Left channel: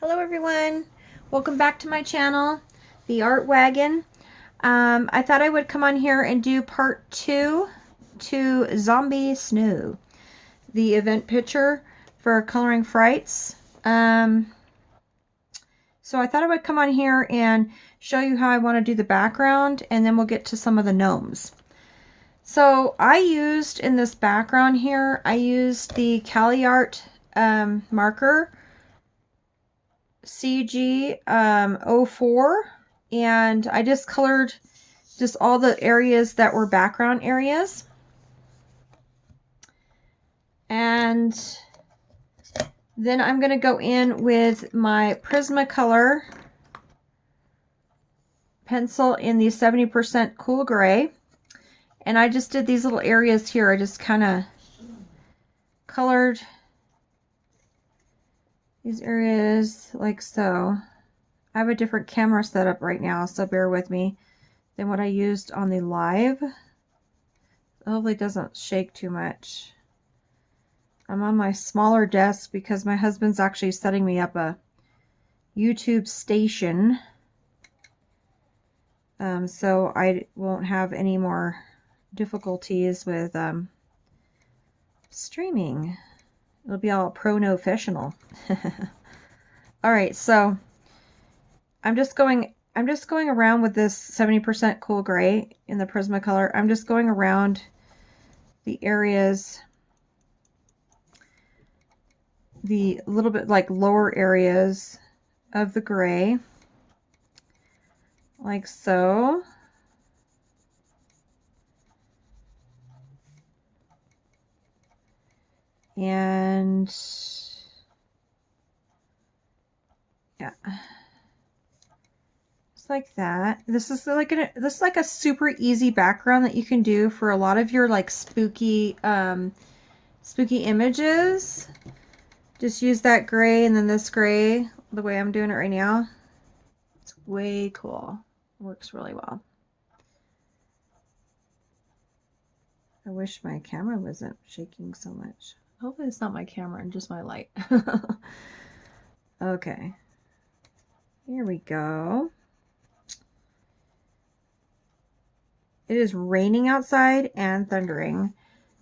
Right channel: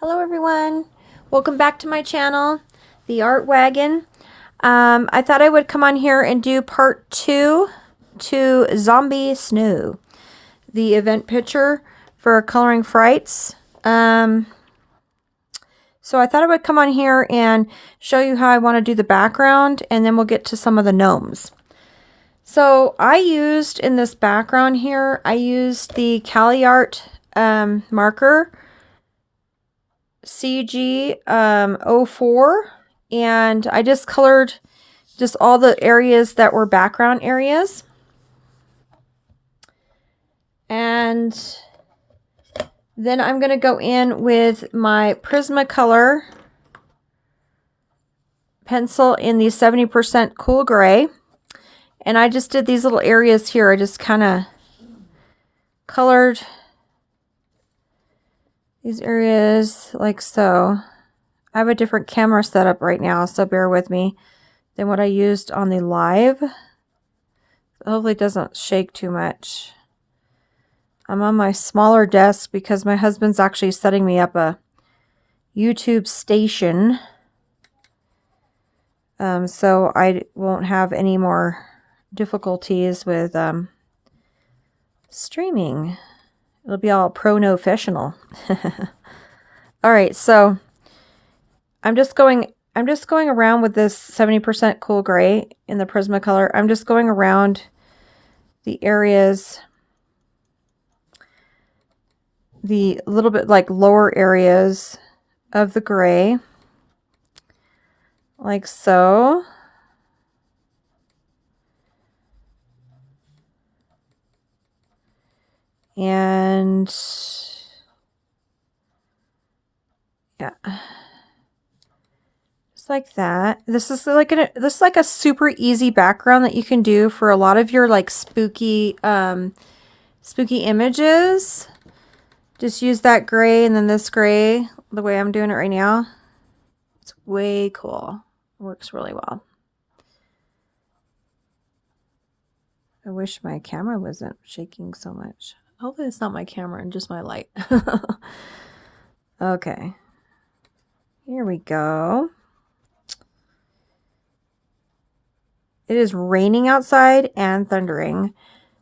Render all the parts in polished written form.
Hello everyone, welcome back to my channel, The Art Wagon. I thought I would come on here and do part 2 to Zombie Snow, the event picture for coloring Frights. So I thought I would come on here and show you how I want to do the background, and then we'll get to some of the gnomes. So I used in this background here, I used the Colourathon marker CG 04, and I just colored just all the areas that were background areas. And then I'm going to go in with my Prismacolor pencil in the 70% cool gray. And I just did these little areas here. I just kind of colored these areas like so. I have a different camera setup right now, so bear with me, than what I used on the live. Hopefully it doesn't shake too much. I'm on my smaller desk because my husband's actually setting me up a YouTube station. So I won't have any more difficulties with streaming. It'll be all pro-no-fessional. All right, so I'm just going around with this 70% cool gray in the Prismacolor. I'm just going around the areas, the little bit like lower areas of the gray, like so. And yeah, just like that. This is like a super easy background that you can do for a lot of your like spooky images. Just use that gray and then this gray the way I'm doing it right now. It's way cool. It works really well. I wish my camera wasn't shaking so much. Hopefully it's not my camera and just my light. Okay. Here we go. It is raining outside and thundering.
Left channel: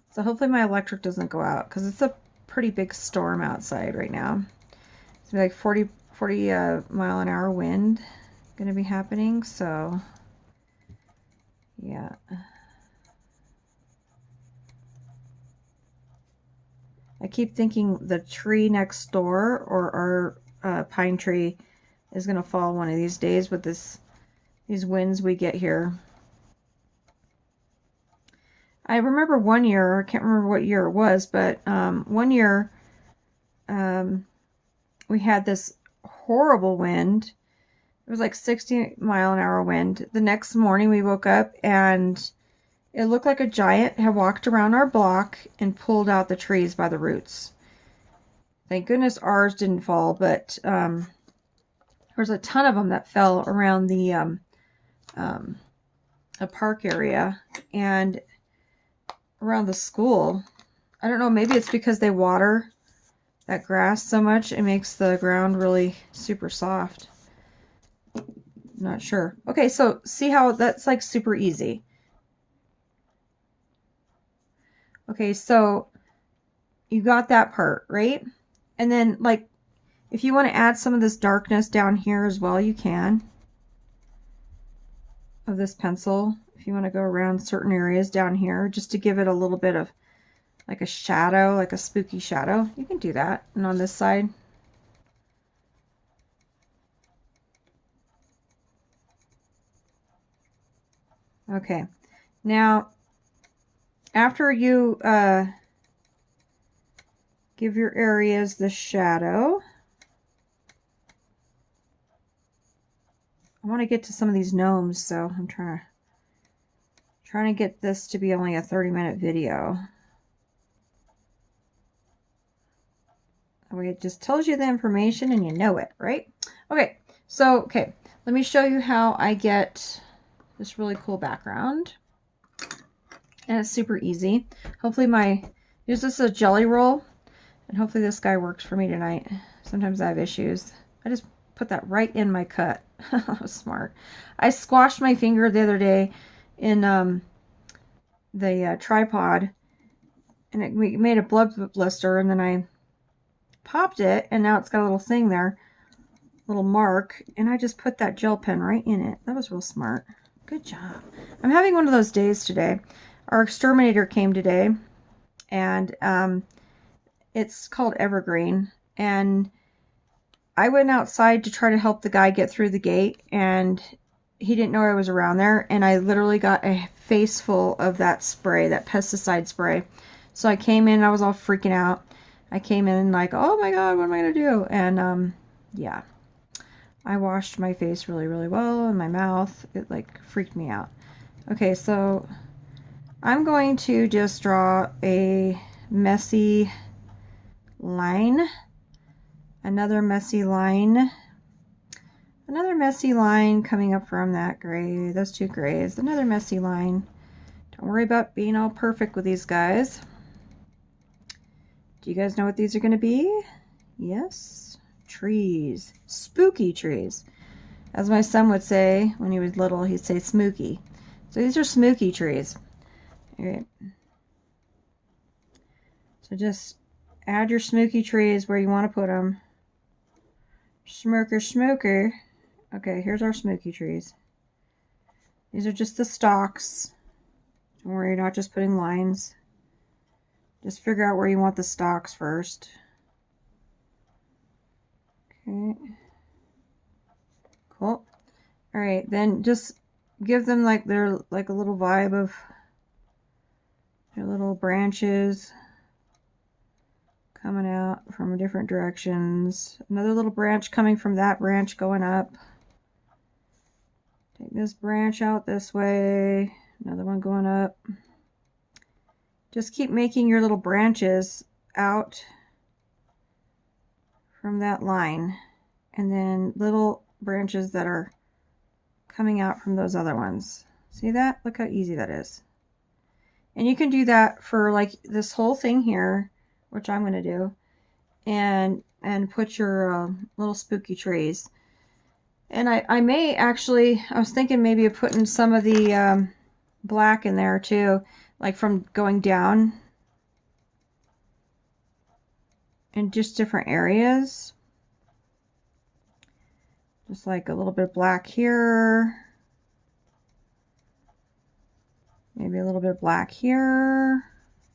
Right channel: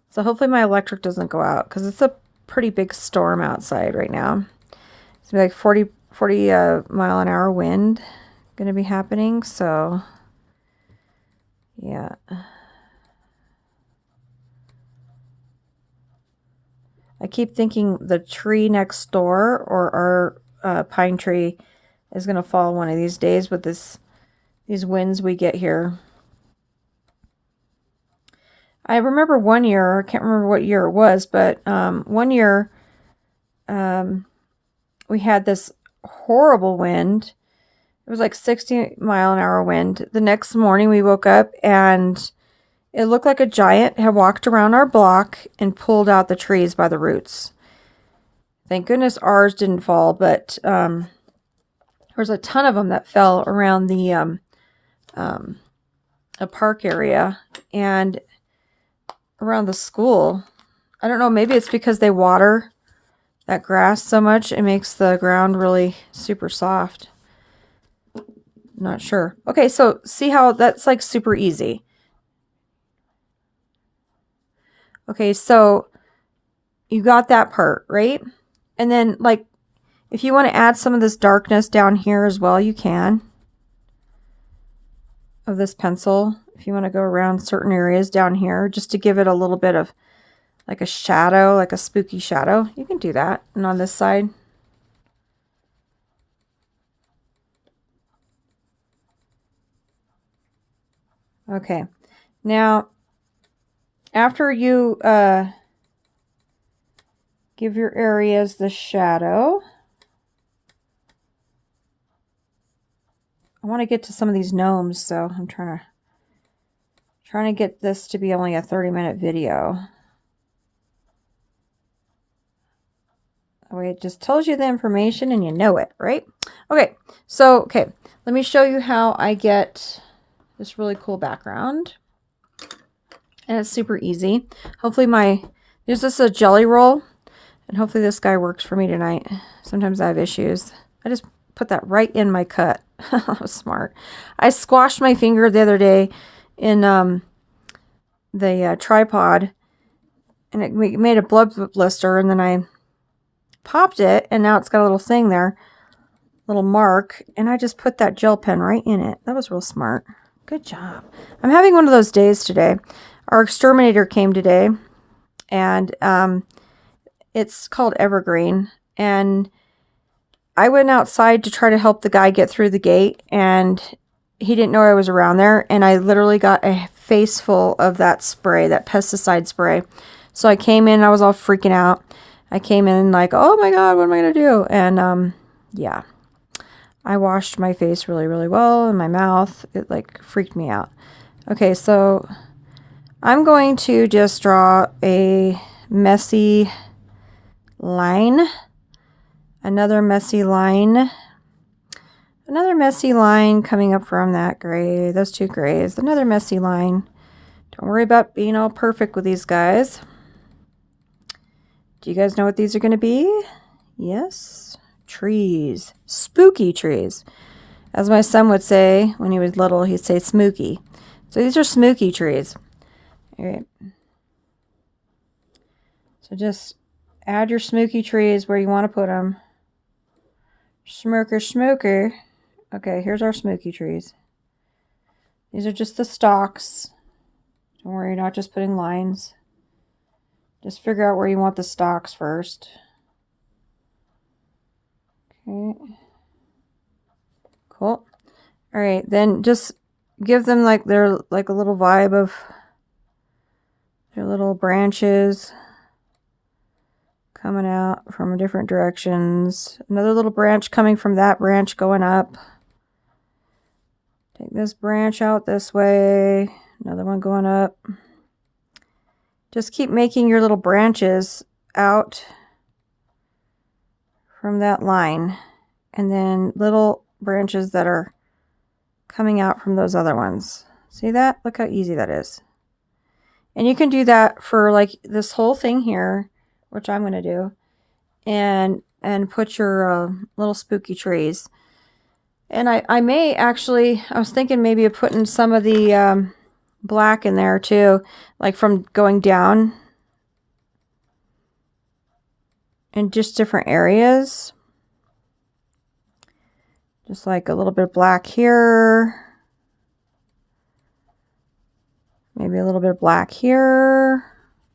So hopefully my electric doesn't go out because it's a pretty big storm outside right now. It's like 40 mile an hour wind going to be happening. So yeah. I keep thinking the tree next door or our pine tree is going to fall one of these days with these winds we get here. I remember one year, I can't remember what year it was, but one year we had this horrible wind. It was like 60 mile an hour wind. The next morning we woke up and it looked like a giant had walked around our block and pulled out the trees by the roots. Thank goodness ours didn't fall, but there was a ton of them that fell around the a park area and around the school. I don't know, maybe it's because they water that grass so much it makes the ground really super soft. Not sure. Okay, so see how that's like super easy. Okay, so you got that part, right? And then like if you want to add some of this darkness down here as well, you can. Of this pencil, if you want to go around certain areas down here just to give it a little bit of like a shadow, like a spooky shadow, you can do that. And on this side, okay, now after you give your areas the shadow, I want to get to some of these gnomes, so I'm trying to get this to be only a 30-minute video. It just tells you the information and you know it, right? Okay, so, okay, let me show you how I get this really cool background. And it's super easy. Hopefully there's just a jelly roll, and hopefully this guy works for me tonight. Sometimes I have issues. I just put that right in my cut. That was smart. I squashed my finger the other day in the tripod, and it made a blood blister, and then I popped it, and now it's got a little thing there, little mark, and I just put that gel pen right in it. That was real smart. Good job. I'm having one of those days today. Our exterminator came today, and it's called Evergreen, and I went outside to try to help the guy get through the gate, and he didn't know I was around there, and I literally got a face full of that spray, that pesticide spray. So I came in, I was all freaking out. I came in like, oh my God, what am I going to do? And yeah, I washed my face really, really well, and my mouth. It like freaked me out. Okay, so I'm going to just draw a messy line. Another messy line. Another messy line coming up from that gray, those two grays. Another messy line. Don't worry about being all perfect with these guys. Do you guys know what these are going to be? Yes, trees. Spooky trees. As my son would say when he was little, he'd say smooky. So these are smooky trees. All right. So just add your smooky trees where you want to put them. Smoker, smoker. Okay, here's our smoky trees. These are just the stalks. Don't worry, you're not just putting lines. Just figure out where you want the stalks first. Okay. Cool. All right, then just give them like their like a little vibe of their little branches coming out from different directions. Another little branch coming from that branch going up. Take this branch out this way. Another one going up. Just keep making your little branches out from that line. And then little branches that are coming out from those other ones. See that? Look how easy that is. And you can do that for like this whole thing here, which I'm going to do. And put your little spooky trees. And I may actually, I was thinking maybe of putting some of the black in there too, like from going down in just different areas. Just like a little bit of black here. Maybe a little bit of black here.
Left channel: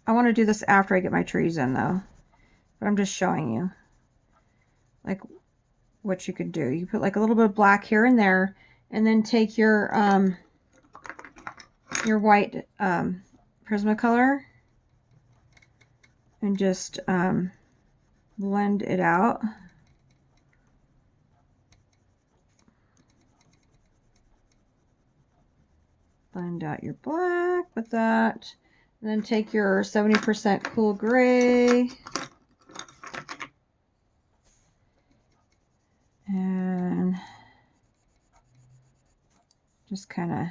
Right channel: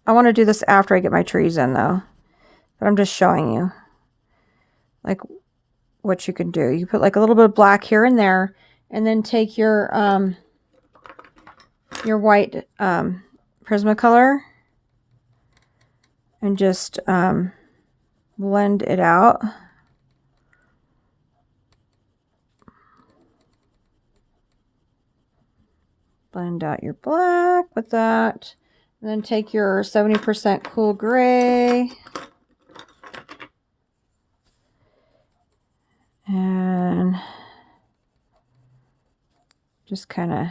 I want to do this after I get my trees in though, but I'm just showing you like what you can do. You put like a little bit of black here and there, and then take your white Prismacolor and just blend it out. Blend out your black with that. And then take your 70% cool gray. And just kind of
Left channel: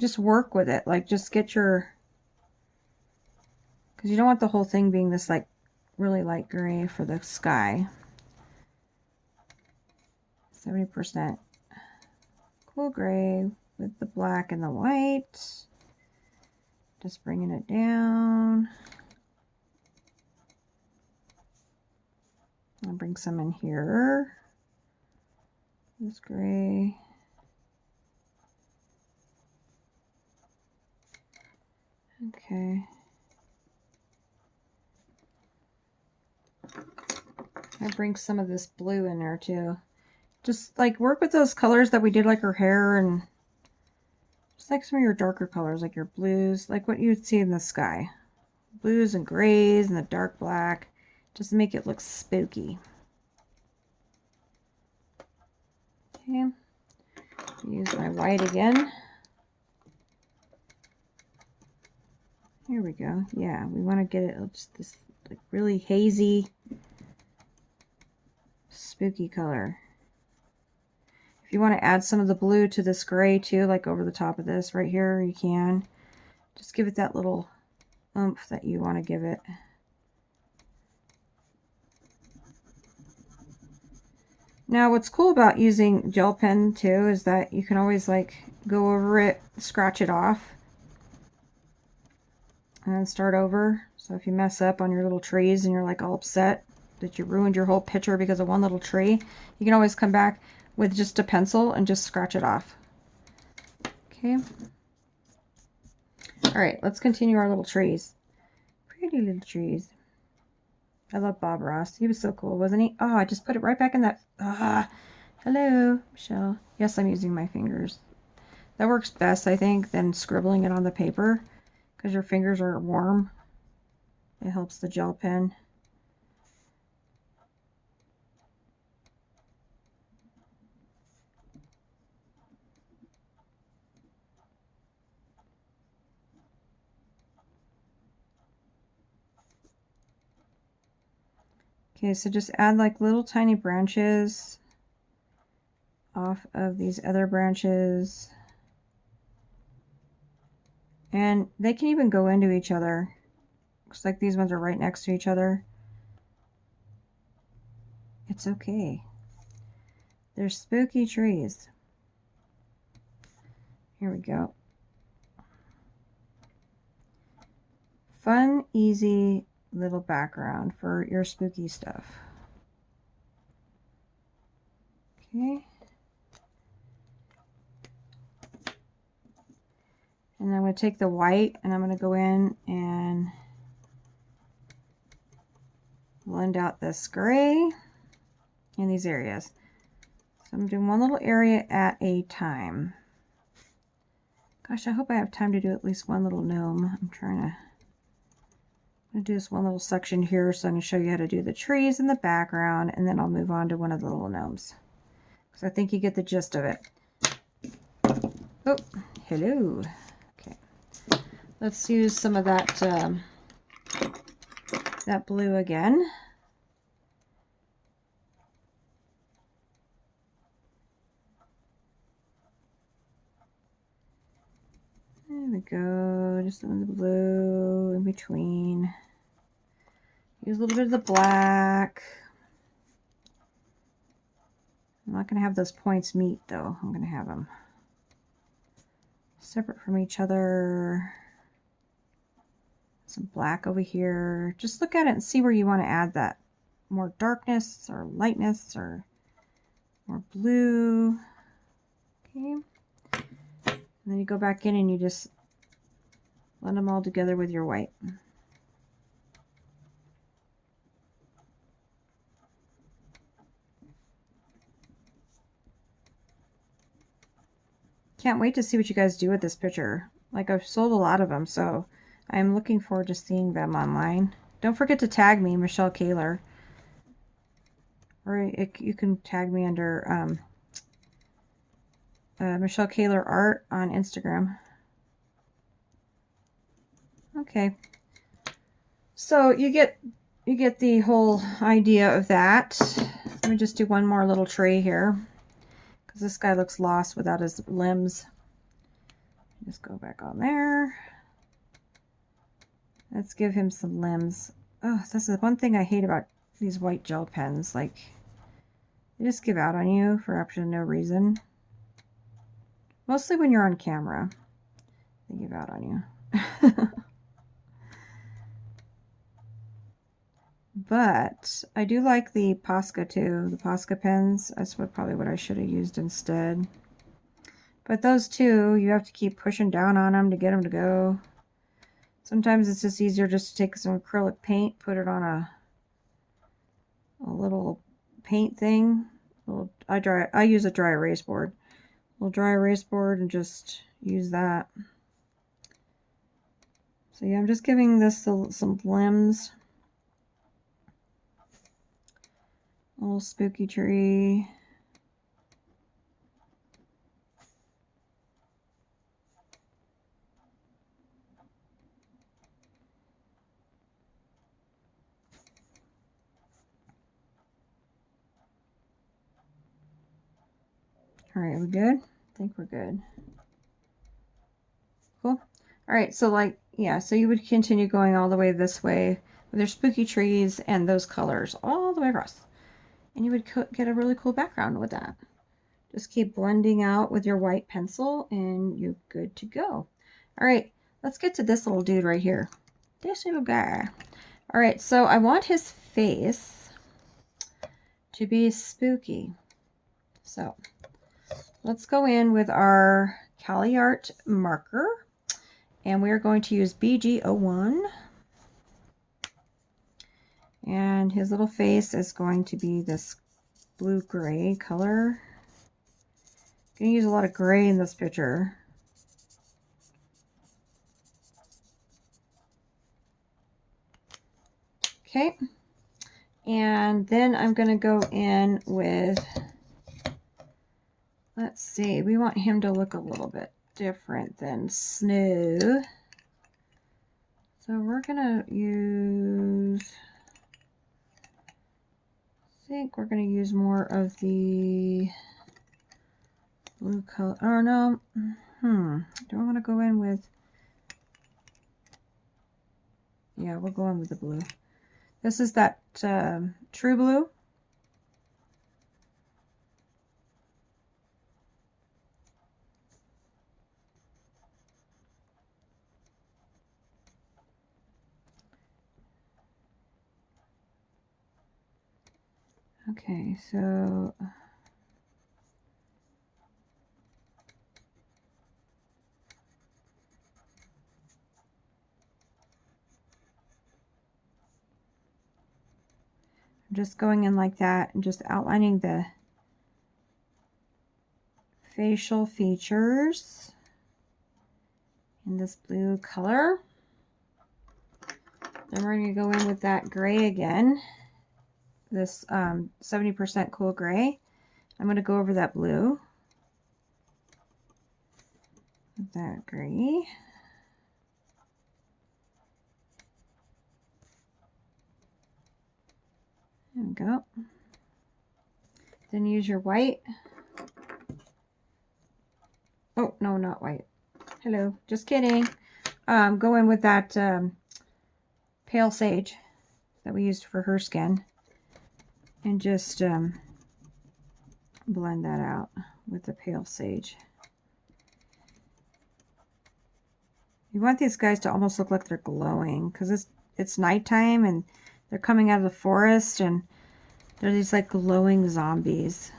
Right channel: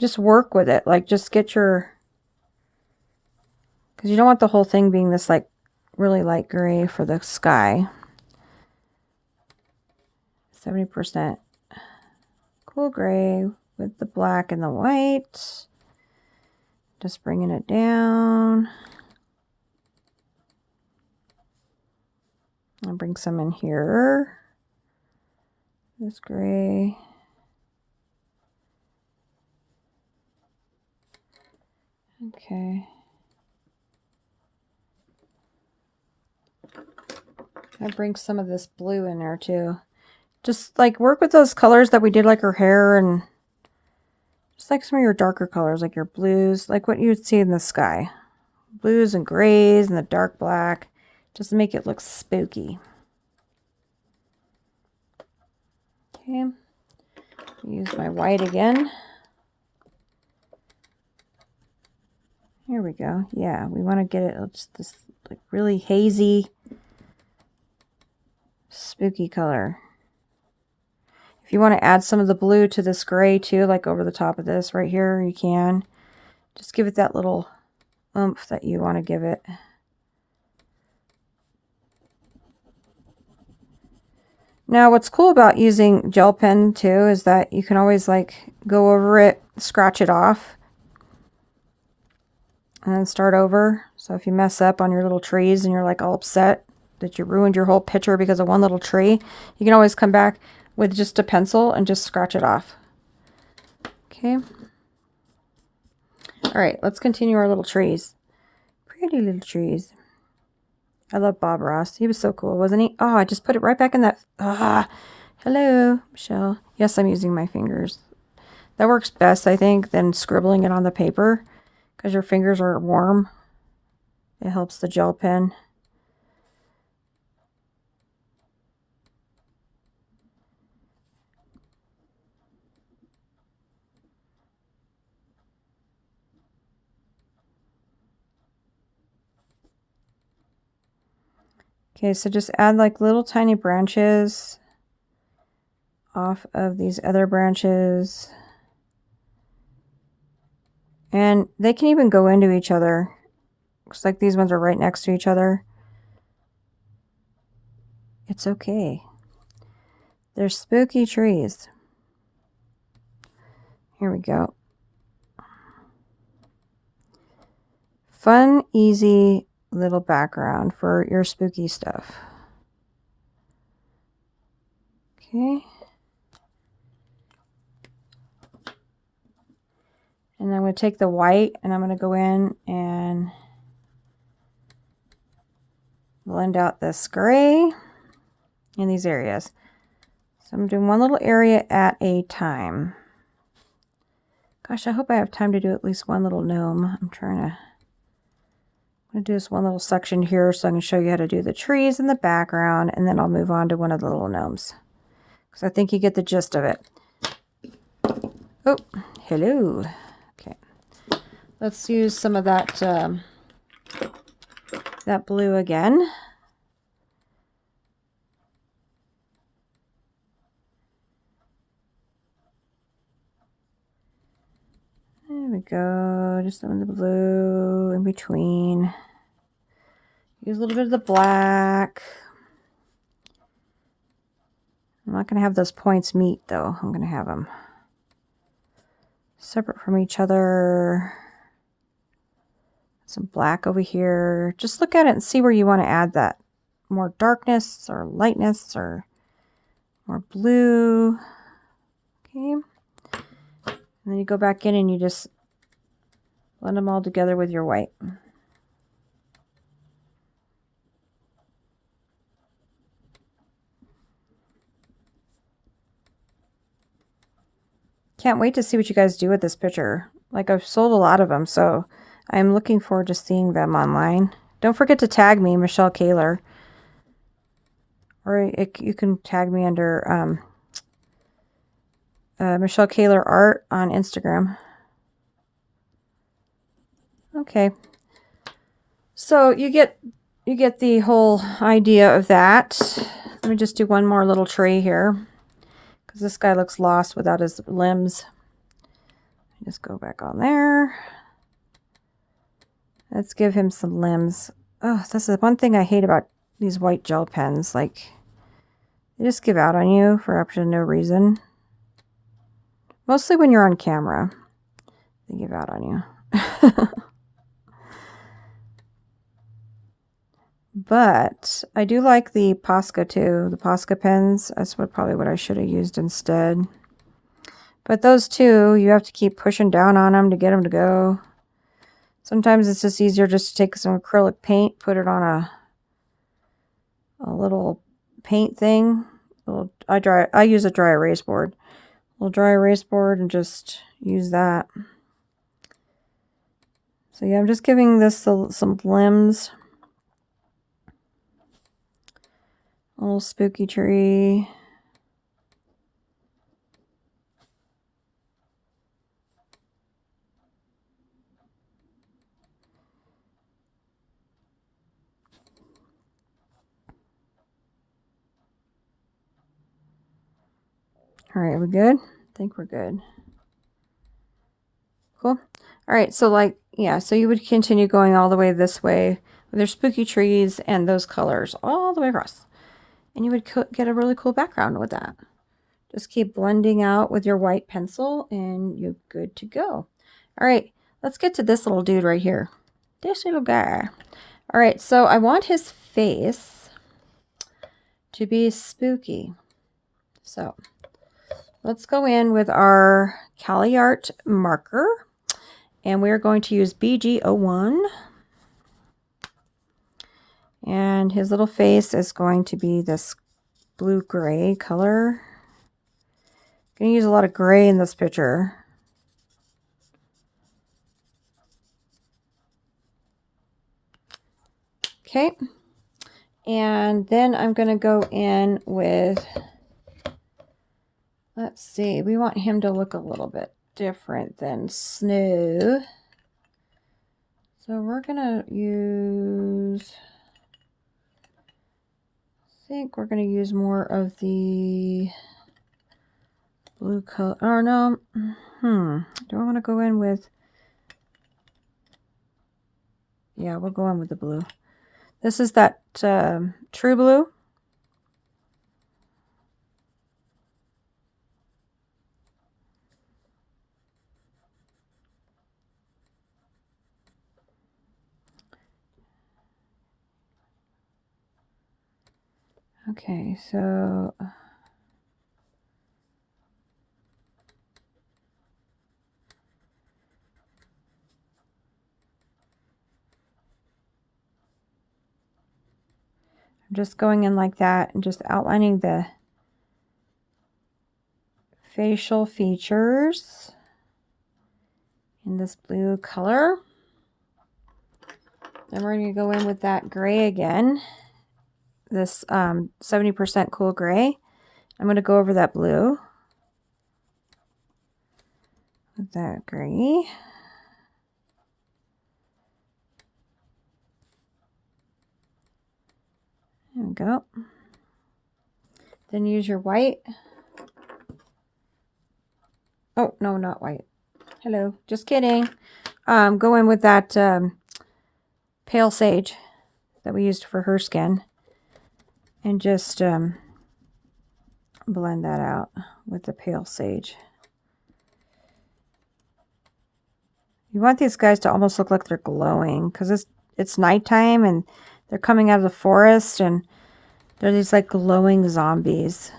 just work with it. Like just get your, because you don't want the whole thing being this like really light gray for the sky. 70% cool gray with the black and the white. Just bringing it down. I'll bring some in here. This gray. Okay. I bring some of this blue in there too. Just like work with those colors that we did, like her hair, and just like some of your darker colors, like your blues, like what you would see in the sky. Blues and grays and the dark black, just to make it look spooky. Okay. Use my white again. Here we go. Yeah, we want to get it just this like really hazy, spooky color. If you want to add some of the blue to this gray too, like over the top of this right here, you can. Just give it that little oomph that you want to give it. Now, what's cool about using gel pen too is that you can always like go over it, scratch it off, and then start over. So if you mess up on your little trees and you're like all upset that you ruined your whole picture because of one little tree, you can always come back with just a pencil and just scratch it off. Okay. All right, let's continue our little trees. Pretty little trees. I love Bob Ross. He was so cool, wasn't he? Oh, I just put it right back in that. Hello, Michelle. Yes, I'm using my fingers. That works best, I think, than scribbling it on the paper because your fingers are warm. It helps the gel pen. Okay, so just add like little tiny branches off of these other branches. And they can even go into each other. Looks like these ones are right next to each other. It's okay. They're spooky trees. Here we go. Fun, easy little background for your spooky stuff. Okay. And I'm going to take the white and I'm going to go in and blend out this gray in these areas. So I'm doing one little area at a time. Gosh, I hope I have time to do at least one little gnome. I'm going to do this one little section here so I can show you how to do the trees in the background, and then I'll move on to one of the little gnomes because I think you get the gist of it. Oh, hello. Okay, let's use some of that that blue again. There we go, just some of the blue in between. Use a little bit of the black. I'm not going to have those points meet though. I'm going to have them separate from each other. Some black over here. Just look at it and see where you want to add that. More darkness or lightness or more blue. Okay. And then you go back in and you just blend them all together with your white. Can't wait to see what you guys do with this picture. Like, I've sold a lot of them, so I'm looking forward to seeing them online. Don't forget to tag me, Michelle Kaler. Or you can tag me under Michelle Kaler Art on Instagram. Okay. So you get the whole idea of that. Let me just do one more little tree here, because this guy looks lost without his limbs. Just go back on there. Let's give him some limbs. Oh, this is one thing I hate about these white gel pens. Like, they just give out on you for absolutely no reason. Mostly when you're on camera, they give out on you. But I do like the Posca too, the Posca pens. That's probably what I should have used instead. But those two, you have to keep pushing down on them to get them to go. Sometimes it's just easier just to take some acrylic paint, put it on a little paint thing. I use a dry erase board. A little dry erase board and just use that. So yeah, I'm just giving this some limbs. A little spooky tree. All right, we good? I think we're good. Cool. All right, so like, yeah, so you would continue going all the way this way with your spooky trees and those colors all the way across. and you would get a really cool background with that. Just keep blending out with your white pencil and you're good to go. All right, let's get to this little dude right here. This little guy. All right, so I want his face to be spooky. So let's go in with our Colourathon marker, and we're going to use BG01. And his little face is going to be this blue-gray color. I'm going to use a lot of gray in this picture. Okay. And then I'm going to go in with, let's see, we want him to look a little bit different than Snow. So we're going to use, I think we're going to use more of the blue color. Oh, no. Do I want to go in with, yeah, we'll go in with the blue. This is that true blue. Okay, so I'm just going in like that and just outlining the facial features in this blue color. Then we're going to go in with that gray again, this 70% cool gray. I'm going to go over that blue with that gray. There we go. Then use your white. Oh, no, not white. Hello, just kidding. Go in with that pale sage that we used for her skin. And just blend that out with the pale sage. You want these guys to almost look like they're glowing because it's nighttime and they're coming out of the forest and they're these like glowing zombies.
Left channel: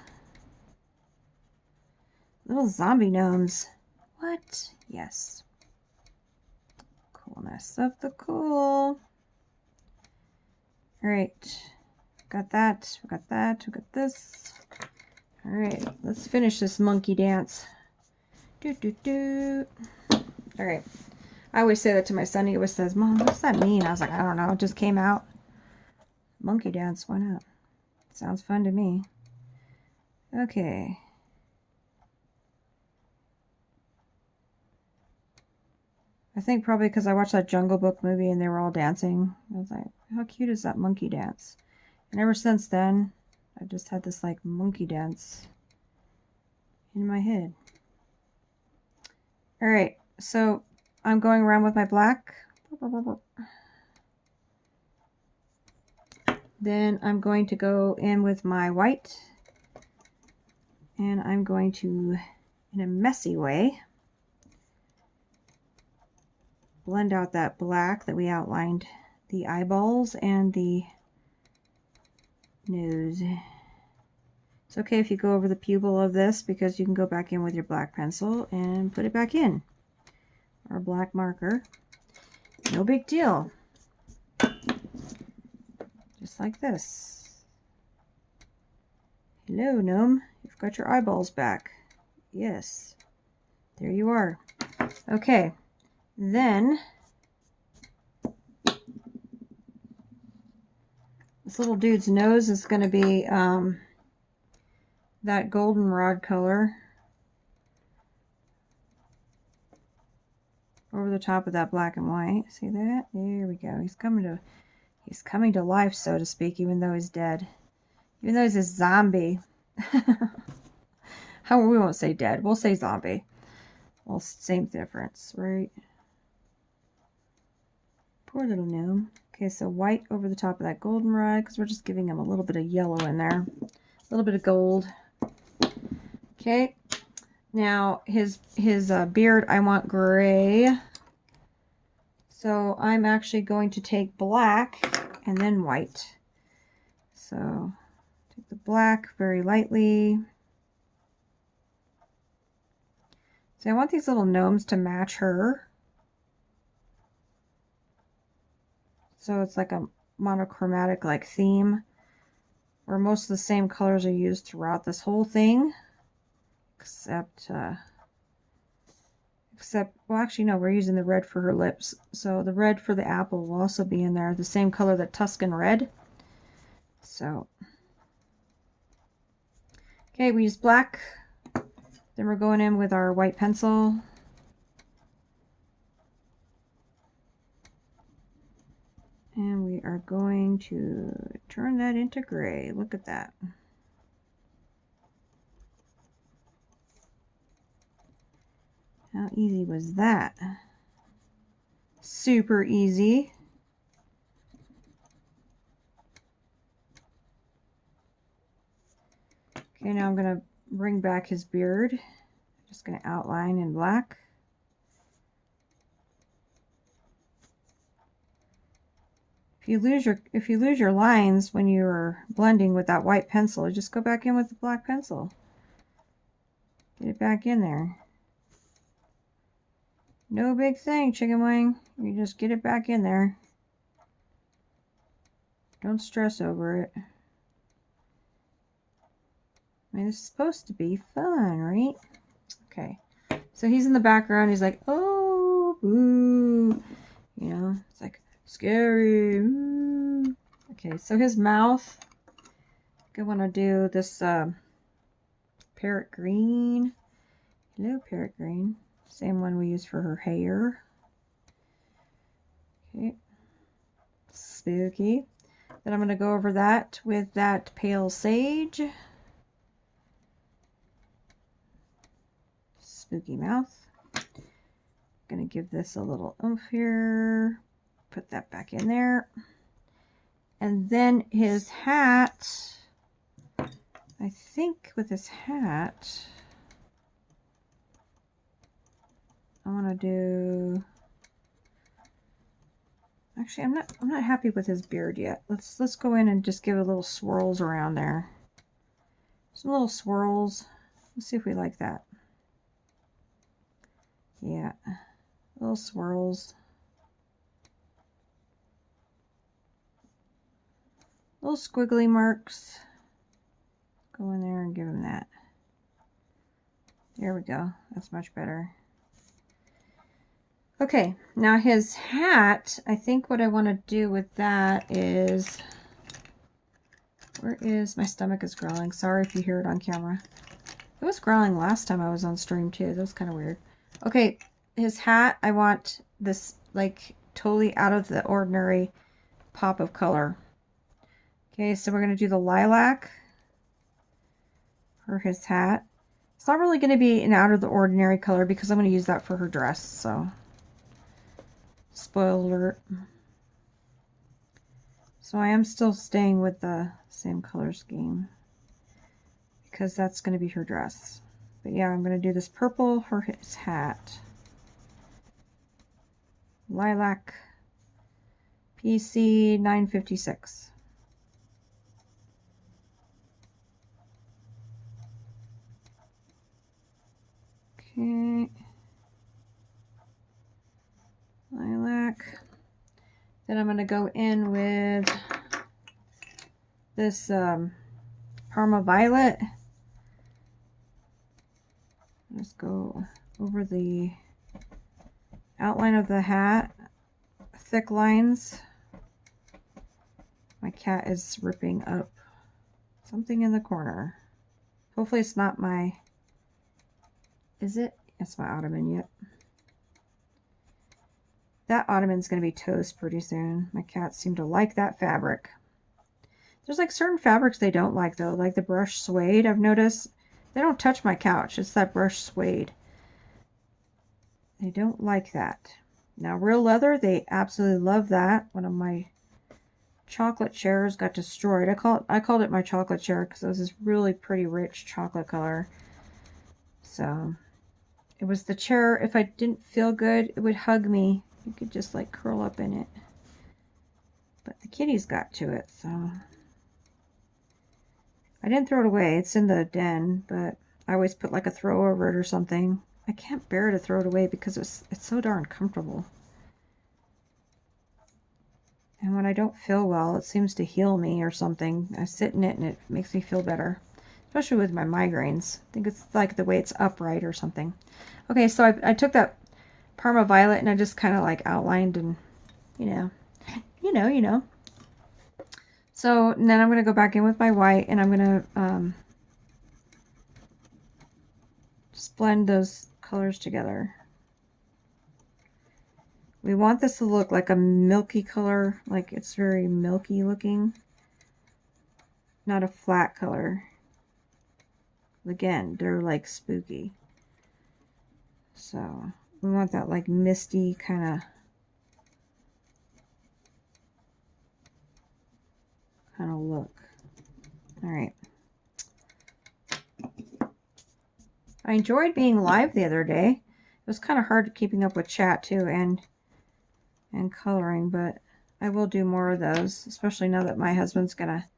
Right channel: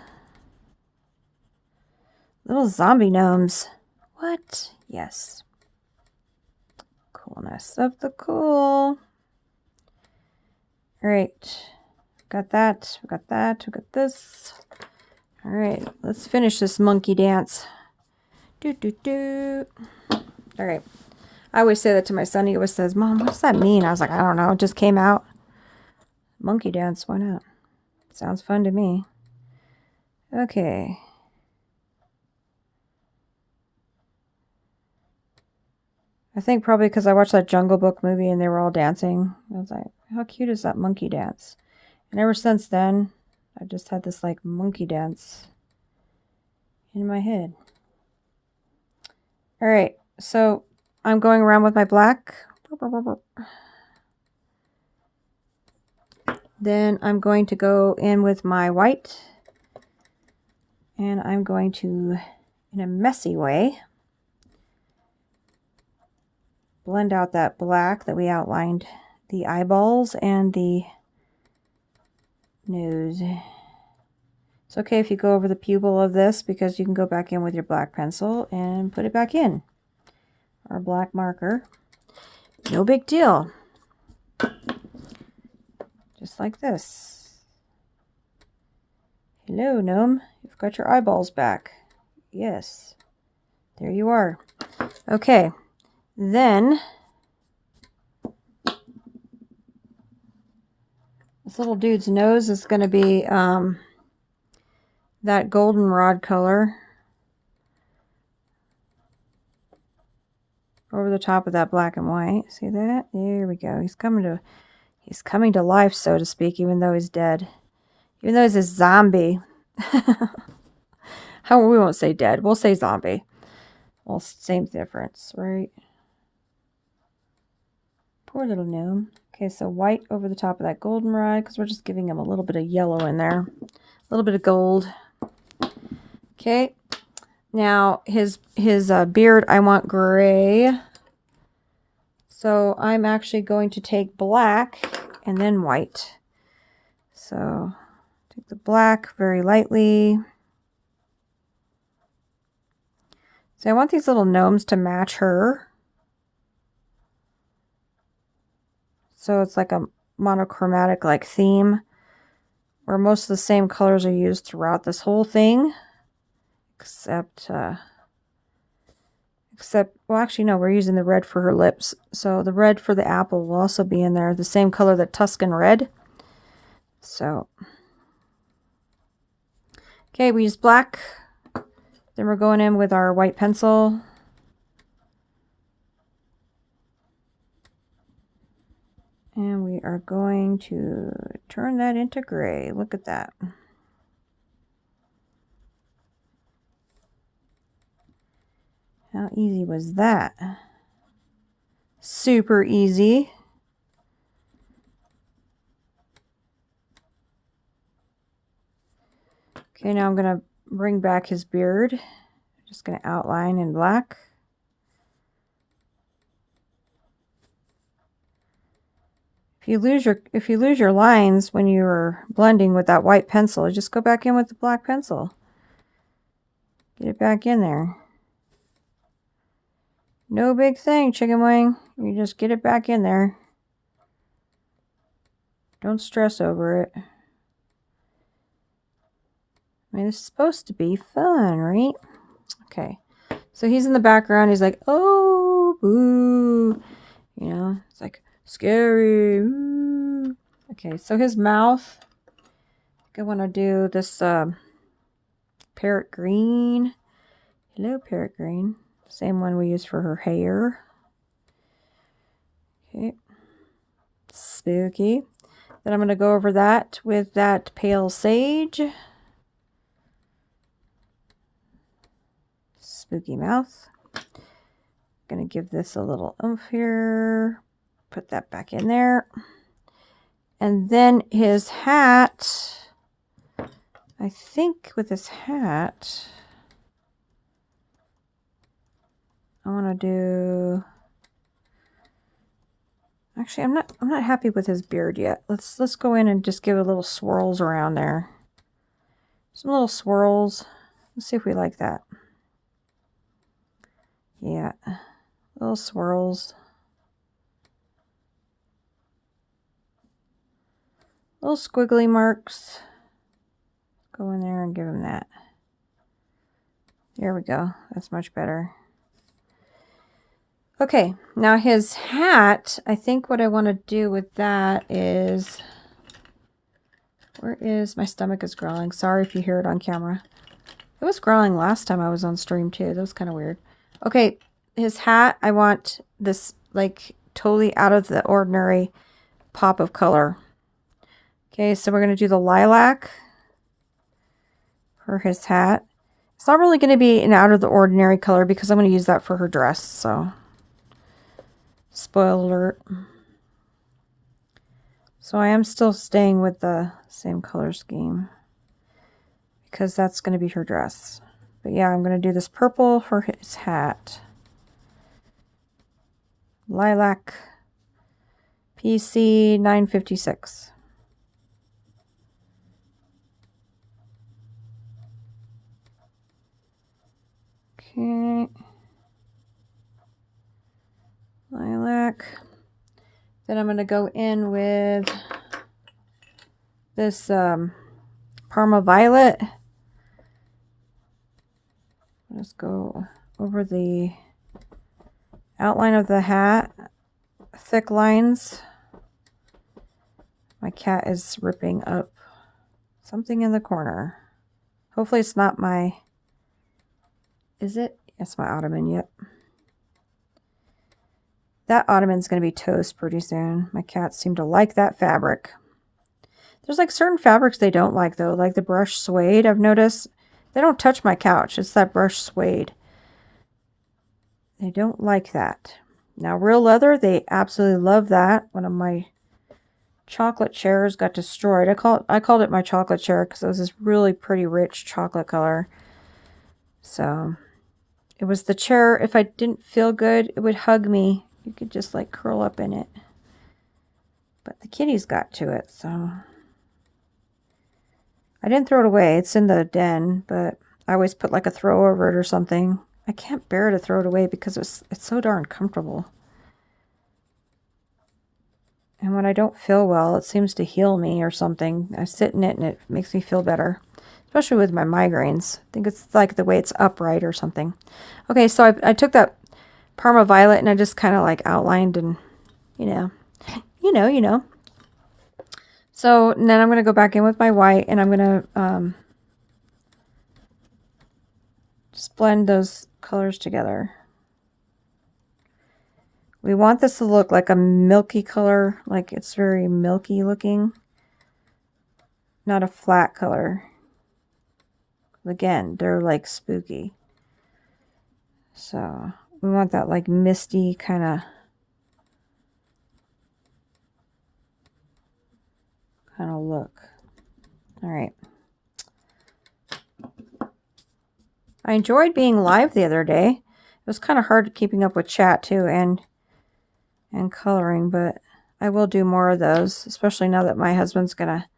Little zombie gnomes. What? Yes. Coolness of the cool. All right. Got that. We got that. We got this. All right. Let's finish this monkey dance. Do, do, do. All right. I always say that to my son. He always says, Mom, what does that mean? I was like, I don't know. It just came out. Monkey dance. Why not? Sounds fun to me. Okay. I think probably because I watched that Jungle Book movie and they were all dancing. I was like, how cute is that monkey dance? And ever since then, I just had this like monkey dance in my head. All right. So I'm going around with my black. Then I'm going to go in with my white. And I'm going to, in a messy way, blend out that black that we outlined the eyeballs and the nose. It's okay if you go over the pupil of this because you can go back in with your black pencil and put it back in. Our black marker. No big deal. Just like this. Hello, gnome. You've got your eyeballs back. Yes. There you are. Okay. Then this little dude's nose is going to be that goldenrod color over the top of that black and white. See that? There we go. He's coming to life, so to speak, even though he's dead. Even though he's a zombie. How we won't say dead. We'll say zombie. Well, same difference, right? Poor little gnome. Okay, so white over the top of that goldenrod, because we're just giving him a little bit of yellow in there. A little bit of gold. Okay, now his beard, I want gray. So I'm actually going to take black and then white. So take the black very lightly. So I want these little gnomes to match her. So it's like a monochromatic like theme where most of the same colors are used throughout this whole thing. Except, well, actually, no, we're using the red for her lips. So the red for the apple will also be in there, the same color that Tuscan red. So, okay, we use black. Then we're going in with our white pencil. And we are going to turn that into gray. Look at that. How easy was that? Super easy. Okay, now I'm going to bring back his beard. Just going to outline in black. If you lose your lines when you're blending with that white pencil, just go back in with the black pencil. Get it back in there. No big thing, chicken wing. You just get it back in there. Don't stress over it. I mean, it's supposed to be fun, right? Okay. So he's in the background. He's like, oh, boo. You know, it's like scary. Ooh. Okay, so his mouth. I want to do this parrot green. Hello, parrot green. Same one we used for her hair. Okay. Spooky. Then I'm going to go over that with that pale sage. Spooky mouth. Going to give this a little oomph here. Put that back in there. And then his hat. I think with his hat, I want to do. Actually, I'm not happy with his beard yet. Let's go in and just give a little swirls around there. Some little swirls. Let's see if we like that. Yeah, little swirls. Little squiggly marks. Go in there and give him that. There we go. That's much better. Okay, now his hat, I think what I want to do with that is, where is, my stomach is growling. Sorry if you hear it on camera. It was growling last time I was on stream too. That was kind of weird. Okay, his hat, I want this like totally out of the ordinary pop of color. Okay, so we're going to do the lilac for his hat. It's not really going to be an out of the ordinary color because I'm going to use that for her dress, so spoiler alert. So I am still staying with the same color scheme because that's going to be her dress. But yeah, I'm going to do this purple for his hat. Lilac PC 956. Okay. Lilac. Then I'm going to go in with this Parma Violet. Let's go over the outline of the hat. Thick lines. My cat is ripping up something in the corner. Hopefully it's not my... Is it? It's my ottoman, yep. That ottoman's going to be toast pretty soon. My cats seem to like that fabric. There's like certain fabrics they don't like though, like the brushed suede. I've noticed they don't touch my couch. It's that brushed suede. They don't like that. Now real leather, they absolutely love that. One of my chocolate chairs got destroyed. I called it my chocolate chair because it was this really pretty rich chocolate color. So it was the chair, if I didn't feel good, it would hug me. You could just like curl up in it. But the kitties got to it, so I didn't throw it away. It's in the den, but I always put like a throw over it or something. I can't bear to throw it away because it's so darn comfortable. And when I don't feel well, it seems to heal me or something. I sit in it and it makes me feel better, especially with my migraines. I think it's like the way it's upright or something. Okay, so I took that Parma Violet and I just kind of like outlined and, you know. So then I'm going to go back in with my white and I'm going to just blend those colors together. We want this to look like a milky color, like it's very milky looking, not a flat color. Again, they're like spooky. So we want that like misty kind of look. All right. I enjoyed being live the other day. It was kind of hard keeping up with chat too and coloring, but I will do more of those, especially now that my husband's gonna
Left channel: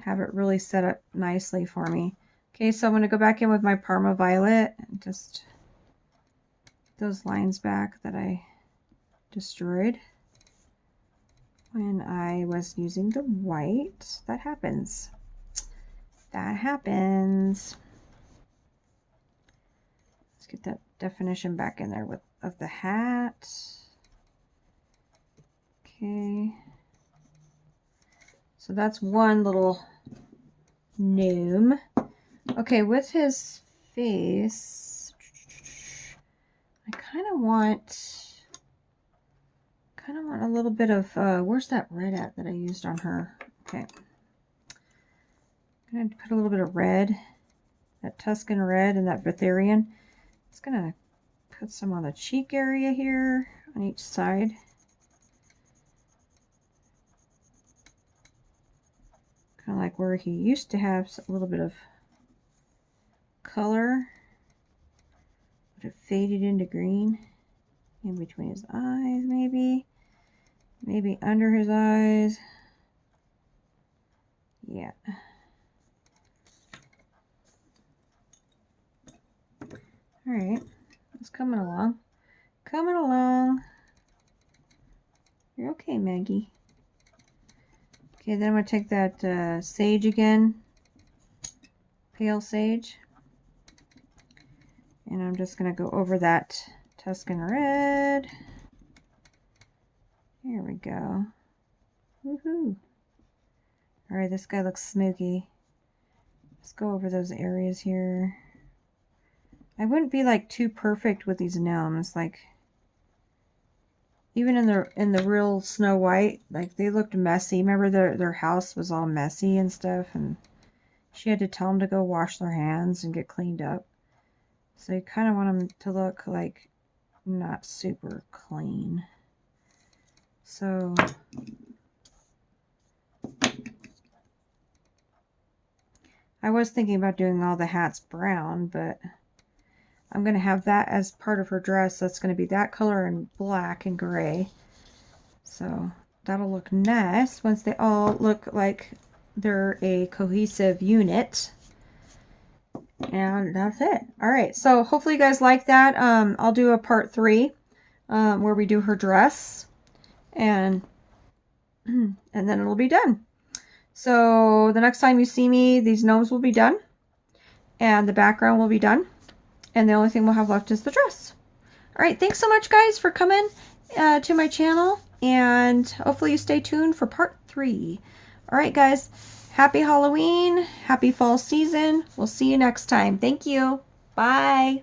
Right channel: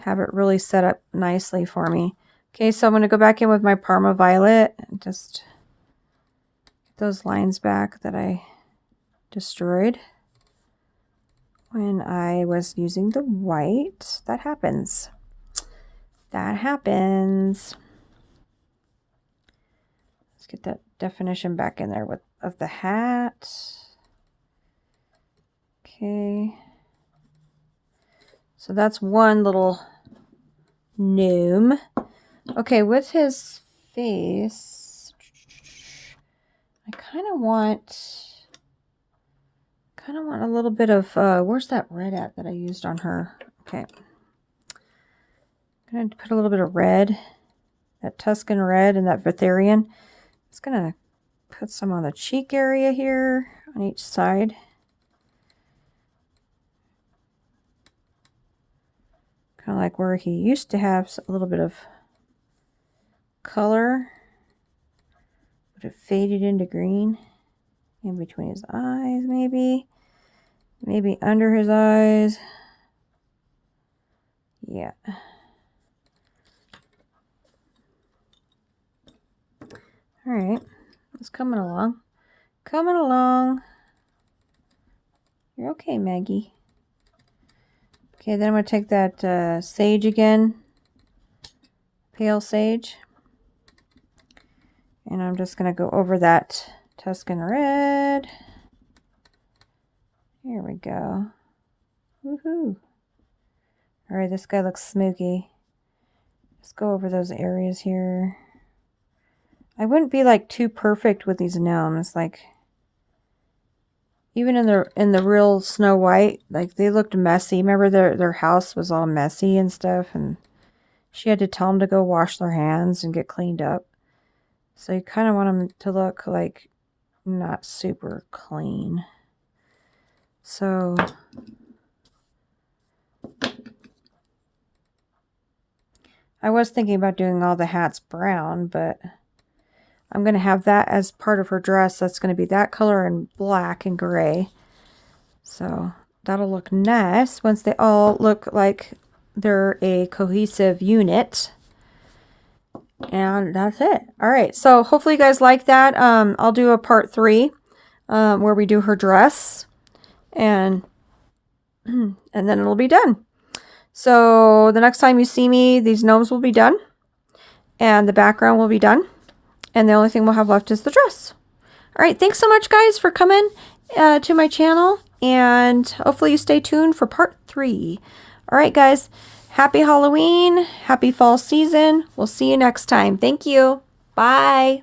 have it really set up nicely for me. Okay, so I'm gonna go back in with my Parma Violet and just get those lines back that I destroyed when I was using the white. That happens. That happens. Let's get that definition back in there of the hat. Okay. So that's one little gnome. Okay, with his face, I kind of want a little bit of, where's that red at that I used on her? Okay. I'm going to put a little bit of red, that Tuscan red and that Vatherian. It's going to put some on the cheek area here on each side. Kind of like where he used to have a little bit of color, but it faded into green. In between his eyes, maybe under his eyes. Yeah. All right, it's coming along. Coming along. You're okay, Maggie. Okay, then I'm going to take that sage again, pale sage, and I'm just going to go over that Tuscan red. Here we go. Woohoo! All right, this guy looks smoky. Let's go over those areas here. I wouldn't be like too perfect with these gnomes. Like even in the real Snow White, like they looked messy. Remember their house was all messy and stuff, and she had to tell them to go wash their hands and get cleaned up. So you kind of want them to look like not super clean. So I was thinking about doing all the hats brown, but I'm going to have that as part of her dress. That's going to be that color and black and gray. So that'll look nice once they all look like they're a cohesive unit. And that's it. All right, so hopefully you guys like that. I'll do a part 3 where we do her dress, and then it'll be done. So the next time you see me, these gnomes will be done, and the background will be done, and the only thing we'll have left is the dress. All right, thanks so much, guys, for coming to my channel, and hopefully you stay tuned for part 3. All right, guys. Happy Halloween. Happy fall season. We'll see you next time. Thank you. Bye.